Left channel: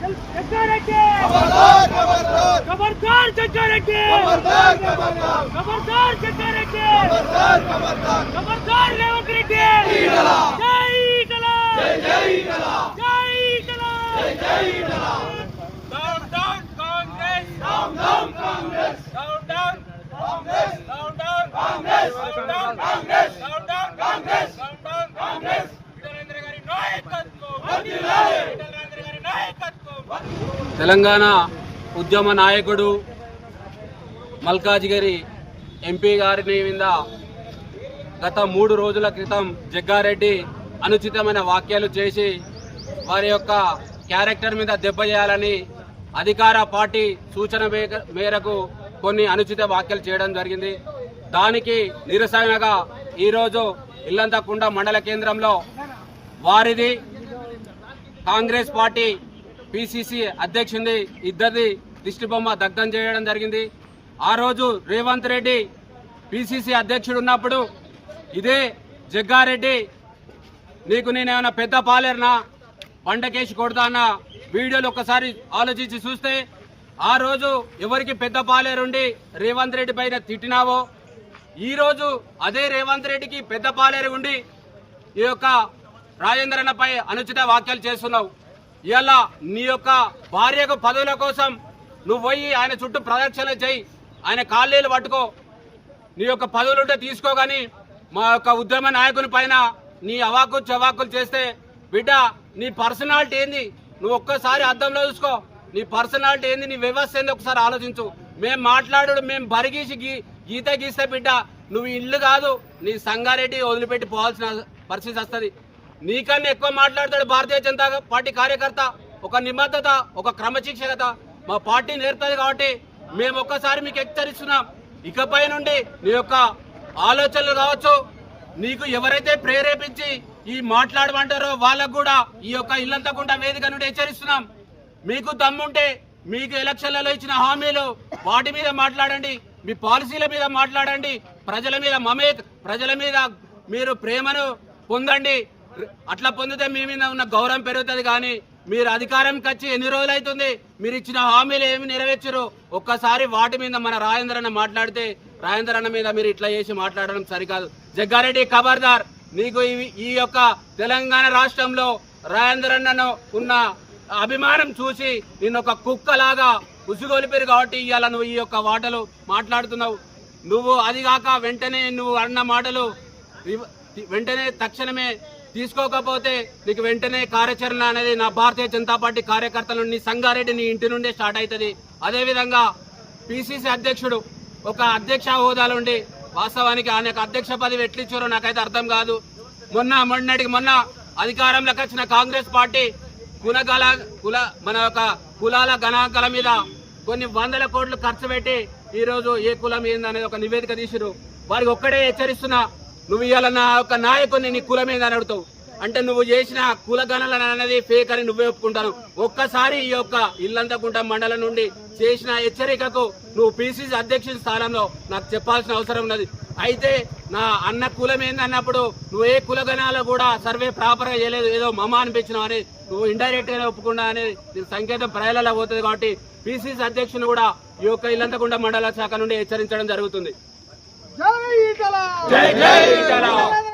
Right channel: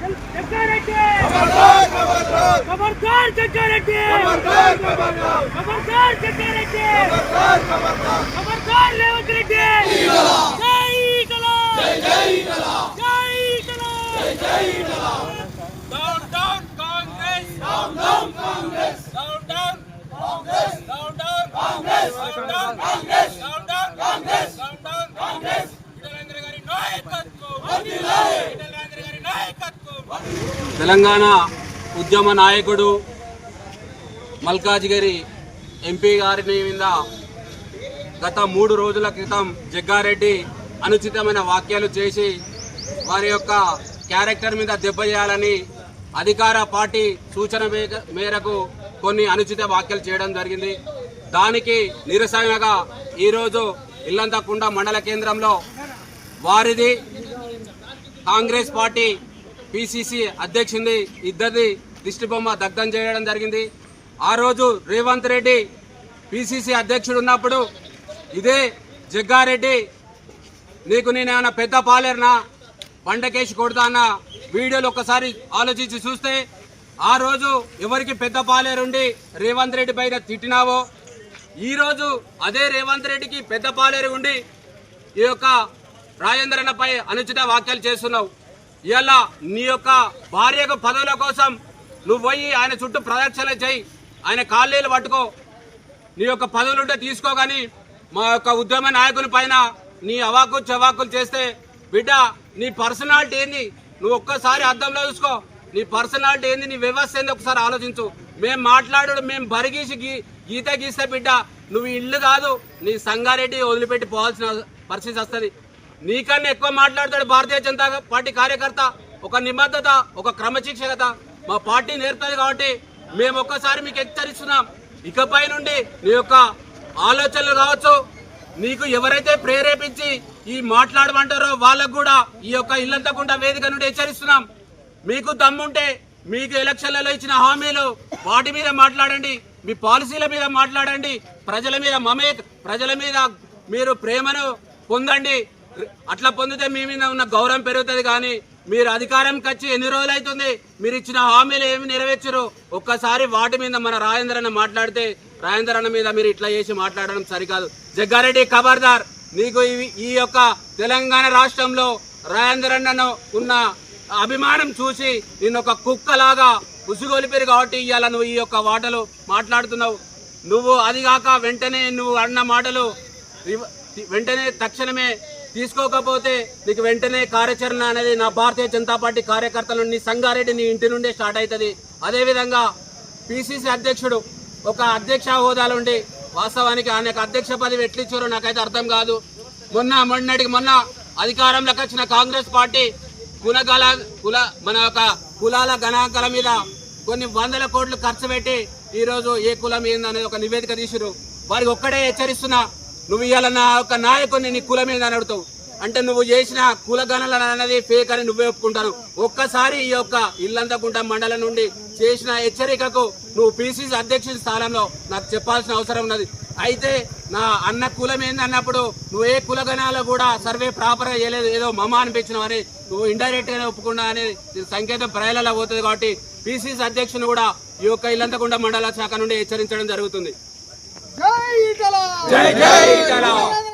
జగ్గారెడ్డి ఖబర్దార్ జగ్గారెడ్డి ఖబర్దార్ జగ్గారెడ్డి ఖబర్దార్ రేవంత్ రెడ్డి జై కలా జై కలా జై కలా జై కలా down down Congress down down Congress down down Congress down down Congress down down Congress down down Congress down down Congress Vithalendra గారి నాయకత్వం వర్ధిల్లాలి విఠలేంద్ర గారి నాయకత్వం. తెలంగాణ ఉద్యమ నాయకుడు మల్కాజిగిరి ఎంపీ గారిని మీద గత 3 రోజుల క్రితం జగ్గారెడ్డి అనుచితమైన వ్యాఖ్యలు చేసి వారి యొక్క క్యారెక్టర్ మీద దెబ్బ చేయాలని అధికార పార్టీ సూచన మేరకు కొన్ని అనుచిత వ్యాఖ్యలు చేయడం జరిగింది. దానికి నిరసనగా ఈరోజు ఇల్లంతకుంట మండల కేంద్రంలో వారిది కాంగ్రెస్ పార్టీ పిసిసి అధ్యక్షుడి ఇద్దరిది దిష్టిబొమ్మ దగ్ధం చేయడం జరిగింది. ఆ రోజు రేవంత్ రెడ్డి పిసిసి అధ్యక్షుడు ఉన్నప్పుడు ఇదే జగ్గారెడ్డి నీకు నేనేమన్నా పెద్ద పాలేరునా పండకేసి కొడతా అన్న వీడియోలు ఒక్కసారి ఆలోచించి చూస్తే ఆ రోజు ఎవరికి పెద్ద పాలేరుండి రేవంత్ రెడ్డి పైన తిట్టినావో ఈరోజు అదే రేవంత్ రెడ్డికి పెద్ద పాలేరు ఉండి ఈ యొక్క రాజేంద్రన్నపై అనుచిత వ్యాఖ్యలు చేస్తున్నావు. ఇవాళ నీ యొక్క భార్యకు పదవుల కోసం నువ్వు పోయి ఆయన చుట్టూ ప్రదక్షిణ చేయి, ఆయన కాళ్ళేలు పట్టుకో, నీ యొక్క పదవులుంటే తీసుకో. కానీ మా యొక్క ఉద్యమ నాయకుని పైన నీ అవాకులు చవాకులు చేస్తే బిడ్డ నీ పర్సనాలిటీ ఏంది నువ్వు ఒక్కసారి అద్దంలో చూసుకో. నీ పర్సనాలిటీ ఏంది, నీ వ్యవస్థ ఏంది ఒకసారి ఆలోచించు. మేము మాట్లాడు మేము బరిగీసి గీత గీస్తే బిడ్డ నువ్వు ఇల్లు కాదు నీ సంగారెడ్డి వదిలిపెట్టి పోవాల్సిన పరిస్థితి వస్తుంది. నీకన్నా ఎక్కువ మాట్లాడతాడు భారతీయ జనతా పార్టీ కార్యకర్త. ఒక నిబద్ధత, ఒక క్రమశిక్షణత మా పార్టీ నేర్పుతుంది. కాబట్టి మేము ఒక్కసారి మీకు హెచ్చరిస్తున్నాం, ఇకపై నుండి నీ యొక్క ఆలోచనలు కావచ్చు, నీకు ఎవరైతే ప్రేరేపించి ఈ మాట్లాడమంటారో వాళ్ళకు కూడా ఈ యొక్క ఇల్లంతకుంట వేదిక నుండి హెచ్చరిస్తున్నాం. మీకు దమ్ముంటే మీకు ఎలక్షన్లలో ఇచ్చిన హామీలు వాటి మీద మాట్లాడండి, మీ పాలసీల మీద మాట్లాడండి, ప్రజల మీద మీరు ప్రేమను పొందండి. అట్లా పొందితే మీ మీద ఉన్న గౌరవం పెరుగుతుంది. కానీ మీరు అధికారంకి వచ్చి ఎన్ని రోజులు అవుతుంది, మీరు ఇచ్చిన హామీలు ఏమి నెరవేర్చరు. ఒక్కసారి వాటి మీద మన రాజేంద్రన్న మాట్లాడితే రాజేంద్రన్న మీద మీరు ఇట్లా చేసి మాట్లాడడం సరికాదు. జగ్గారెడ్డి ఖబర్దార్, నీకు ఈ యొక్క తెలంగాణ రాష్ట్రంలో రాజేంద్రన్నను ఉన్న అభిమానం చూసి నిన్ను ఒక కుక్కలాగా ఉసుగొలిపారు. కాబట్టి ఇవాళ నువ్వు ఈ యొక్క మాటలు మాట్లాడుతున్నావు. నువ్వు అదిగాక వెంటనే నువ్వు అన్న మాటలు వెంటనే తక్షణమే తీసుకోకపోతే నీకు వెంటనే కార్యాచరణ అనేది నా భారతీయ జనతా పార్టీ కార్యకర్తల నుండి సంగారెడ్డి నీ ఇంటి నుండే స్టార్ట్ అవుతుంది. అదేవిధంగా పిసిసి అధ్యక్షుడు ఒక అధ్యక్ష హోదాలో ఉండి వాస్తవానికి ఆయనకు అధ్యక్ష పదవి ఎట్లిచ్చారో నాకైతే అర్థం కాదు. మొన్న అధికారంలోకి వచ్చిన కాంగ్రెస్ పార్టీ మన యొక్క కులాల గణాంకాల మీద కొన్ని 100 కోట్లు ఖర్చు పెట్టి ఈరోజు ఏ కులం ఏందనేది ఒక నివేదిక తీసిరు. వారికి ఒక్కడే హెచ్చరిస్తున్నా, నువ్వు ఇవాళ నా యొక్క నాయకుడిని నీ కులం ఏందని అడుగుతావు అంటే నువ్వు చేసిన కులగణన అనేది ఫేక్ అని నువ్వే ఒప్పుకుంటాను. ఒక్కసారి ఈ యొక్క ఇల్లంతకుంట మండలం నుండి చేసిన హెచ్చరికకు నువ్వు పిసిసి అధ్యక్షుడి స్థానంలో నాకు చెప్పాల్సిన అవసరం ఉన్నది. అయితే నా అన్న కులం ఏందన్నప్పుడు నువ్వు ఏ కులగణాలు కూడా సర్వే ప్రాపర్ గా చేయలేదు, ఏదో మమ అనిపించినావు అని నువ్వు ఇండైరెక్ట్ గా ఒప్పుకున్నా అనేది సంకేతం ప్రజలలో పోతుంది. కాబట్టి పిసిసి అధ్యక్షుని కూడా ఈ యొక్క ఇల్లంతకుంట మండల శాఖ నుండి హెచ్చరించడం జరుగుతుంది.